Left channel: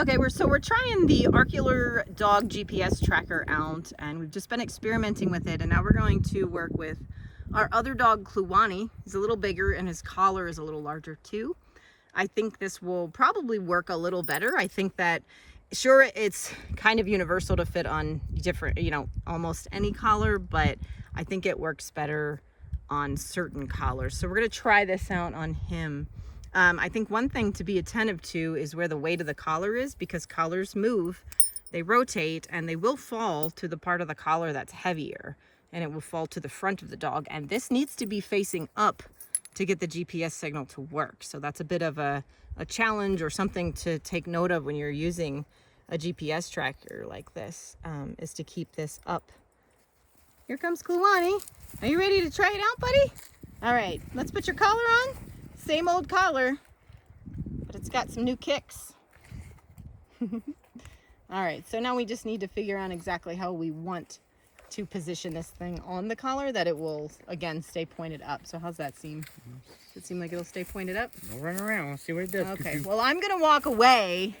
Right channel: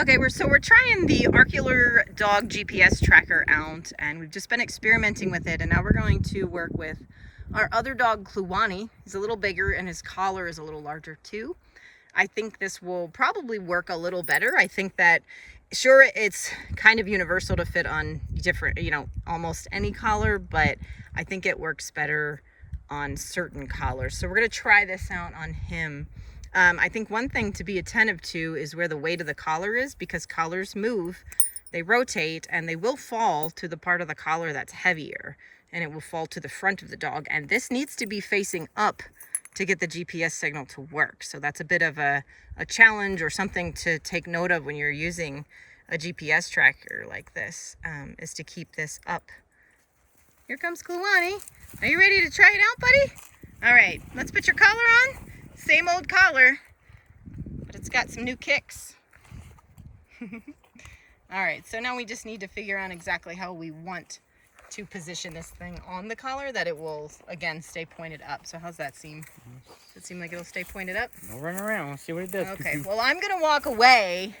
Okay, we're trying the Aorkuler dog GPS tracker out, and we've just been experimenting with it, and now we're going to work with our other dog, Kluwani. He's a little bigger and his collar is a little larger too. I think this will probably work a little better. I think that, sure, it's kind of universal to fit on different, almost any collar, but I think it works better on certain collars. So we're gonna try this out on him. I think one thing to be attentive to is where the weight of the collar is, because collars move, they rotate, and they will fall to the part of the collar that's heavier, and it will fall to the front of the dog. And this needs to be facing up to get the GPS signal to work. So that's a bit of a challenge, or something to take note of when you're using a GPS tracker like this, is to keep this up. Here comes Kluwani. Are you ready to try it out, buddy? All right, let's put your collar on. Same old collar, but it's got some new kicks. All right, so now we just need to figure out exactly how we want to position this thing on the collar that it will, again, stay pointed up. So how's that seem? Does it seem like it'll stay pointed up? We'll run around, we'll see what it does. Okay, well, I'm gonna walk away,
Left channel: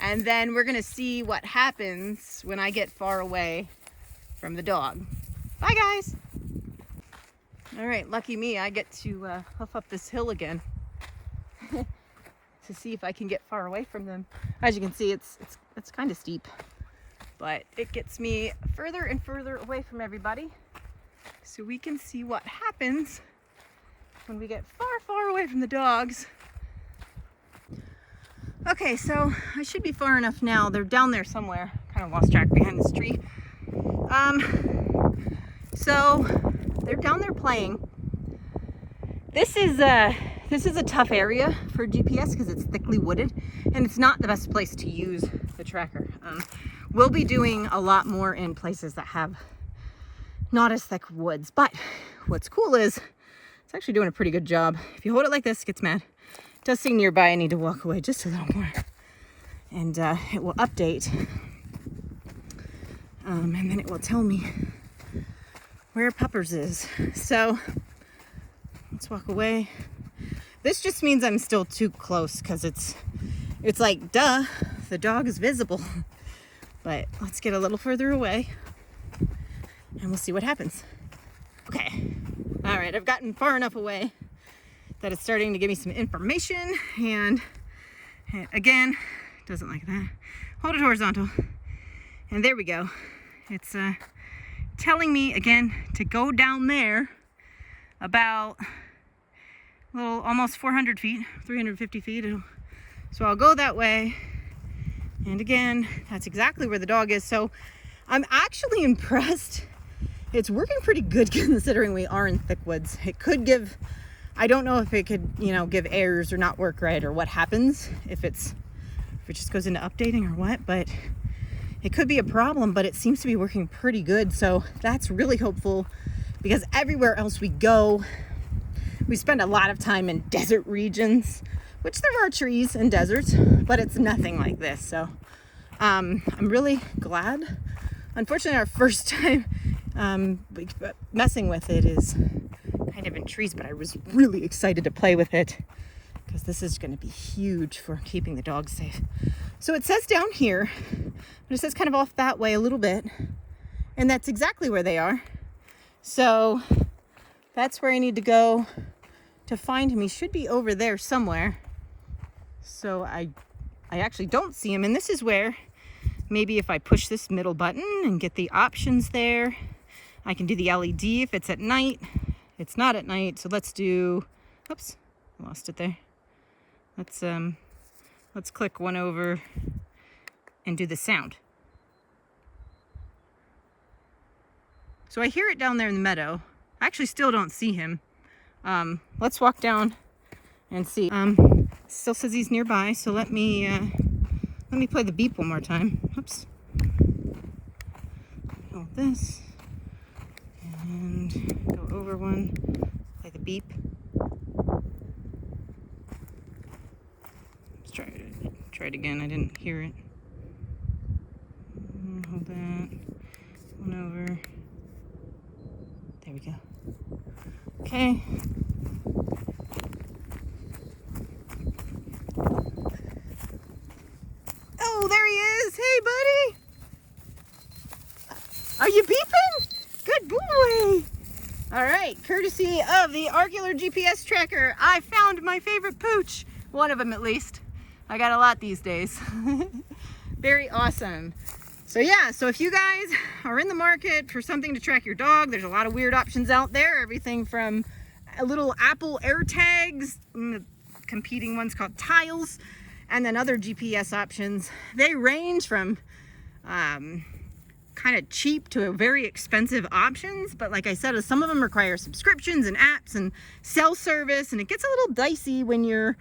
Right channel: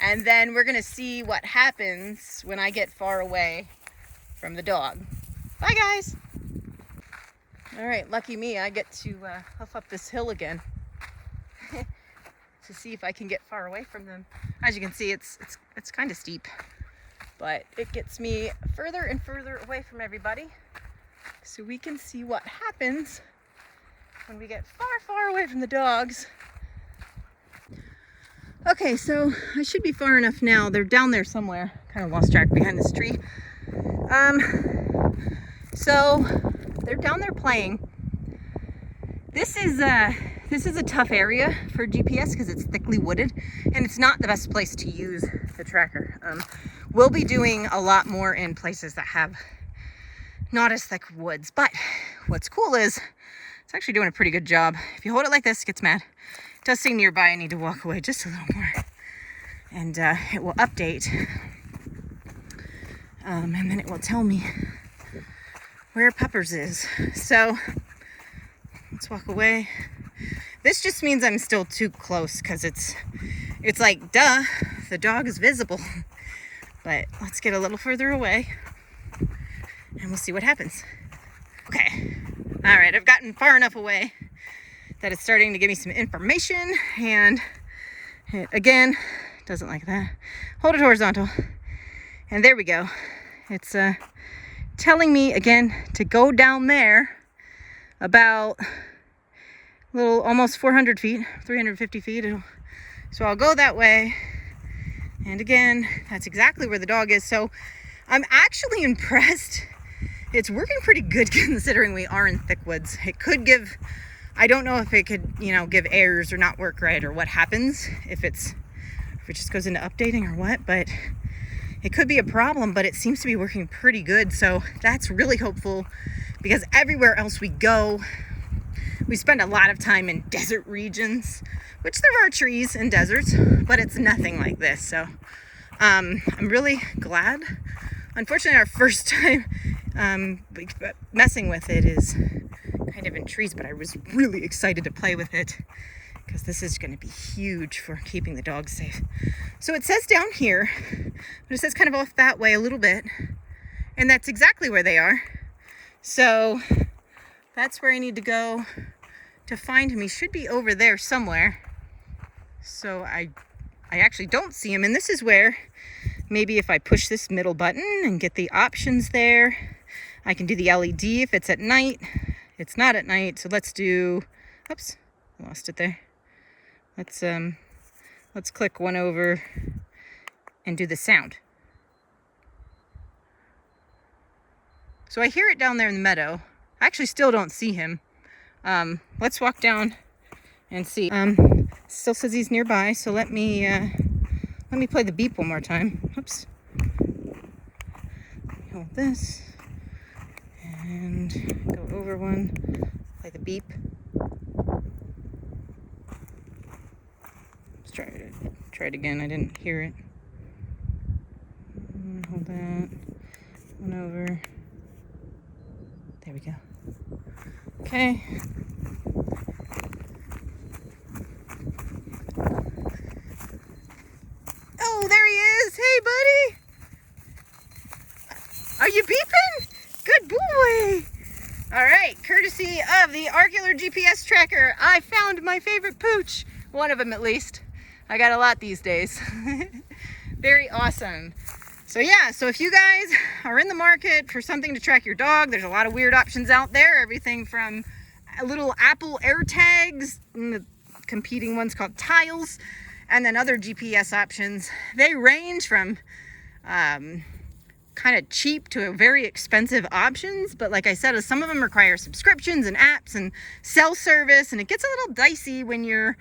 and then we're gonna see what happens when I get far away from the dog. Bye, guys. All right, lucky me, I get to hoof up this hill again to see if I can get far away from them. As you can see, it's kind of steep, but it gets me further and further away from everybody, so we can see what happens when we get far, far away from the dogs. Okay, so I should be far enough now. They're down there somewhere. Kind of lost track behind this tree. So they're down there playing. This is a tough area for GPS because it's thickly wooded, and it's not the best place to use the tracker. We'll be doing a lot more in places that have not as thick woods, but what's cool is it's actually doing a pretty good job. If you hold it like this, it gets mad. It does say nearby, I need to walk away just a little more, and it will update, and then it will tell me where Peppers is. So let's walk away. This just means I'm still too close, because it's like, duh, the dog is visible. But let's get a little further away and we'll see what happens. Okay, all right, I've gotten far enough away that it's starting to give me some information, and again, doesn't like that. Hold it horizontal, and there we go. It's telling me again to go down there about almost 400 feet, 350 feet. So I'll go that way. And again, that's exactly where the dog is. So I'm actually impressed. It's working pretty good considering we are in thick woods. It could give, I don't know if it could, give errors or not work right, or what happens if it just goes into updating or what, but it could be a problem, but it seems to be working pretty good. So that's really hopeful, because everywhere else we go, we spend a lot of time in desert regions, which there are trees in deserts, but it's nothing like this. So I'm really glad. Unfortunately, our first time messing with it is kind of in trees, but I was really excited to play with it, because this is going to be huge for keeping the dogs safe. So it says down here, but it says kind of off that way a little bit, and that's exactly where they are. So that's where I need to go to find him. He should be over there somewhere. So I actually don't see him, and this is where maybe if I push this middle button and get the options there, I can do the LED if it's at night. It's not at night, so let's do, oops, I lost it there. Let's click one over and do the sound. So I hear it down there in the meadow. I actually still don't see him. Let's walk down and see. Still says he's nearby, so let me play the beep one more time. Oops. Hold this and go over one. Play the beep. Let's try it again. I didn't hear it. Hold that. One over. There we go. Okay. Hey, buddy. Are you beeping? Good boy. All right, courtesy of the Aorkuler GPS tracker, I found my favorite pooch. One of them at least. I got a lot these days. Very awesome. So yeah, so if you guys are in the market for something to track your dog, there's a lot of weird options out there. Everything from little Apple AirTags, and the competing ones called Tiles, and then other GPS options. They range from kind of cheap to very expensive options, but like I said, some of them require subscriptions and apps and cell service, and it gets a little dicey when you're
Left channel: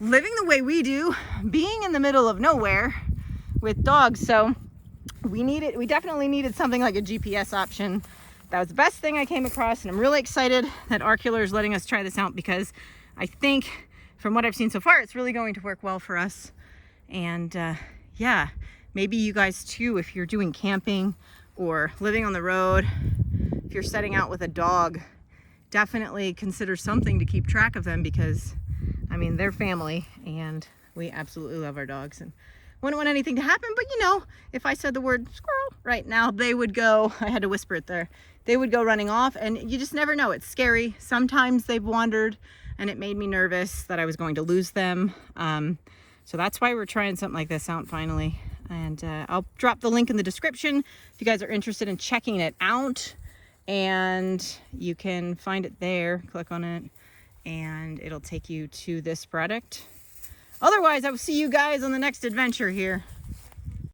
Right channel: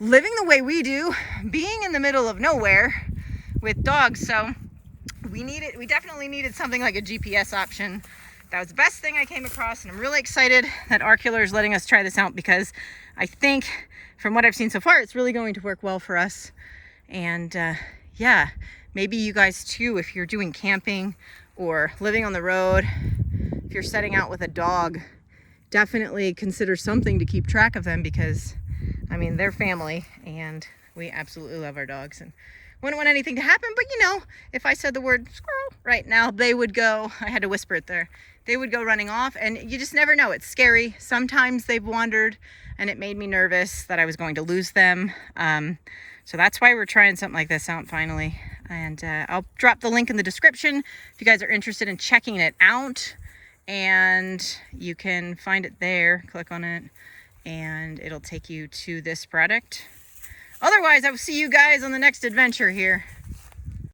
living the way we do, being in the middle of nowhere with dogs. So we definitely needed something like a GPS option. That was the best thing I came across, and I'm really excited that Aorkuler is letting us try this out, because I think from what I've seen so far, it's really going to work well for us. And yeah, maybe you guys too, if you're doing camping or living on the road, if you're setting out with a dog, definitely consider something to keep track of them, because I mean, they're family and we absolutely love our dogs and wouldn't want anything to happen. But you know, if I said the word squirrel right now, they would go, I had to whisper it there, they would go running off, and you just never know. It's scary. Sometimes they've wandered and it made me nervous that I was going to lose them. So that's why we're trying something like this out finally. And I'll drop the link in the description if you guys are interested in checking it out, and you can find it there. Click on it and it'll take you to this product. Otherwise, I will see you guys on the next adventure here.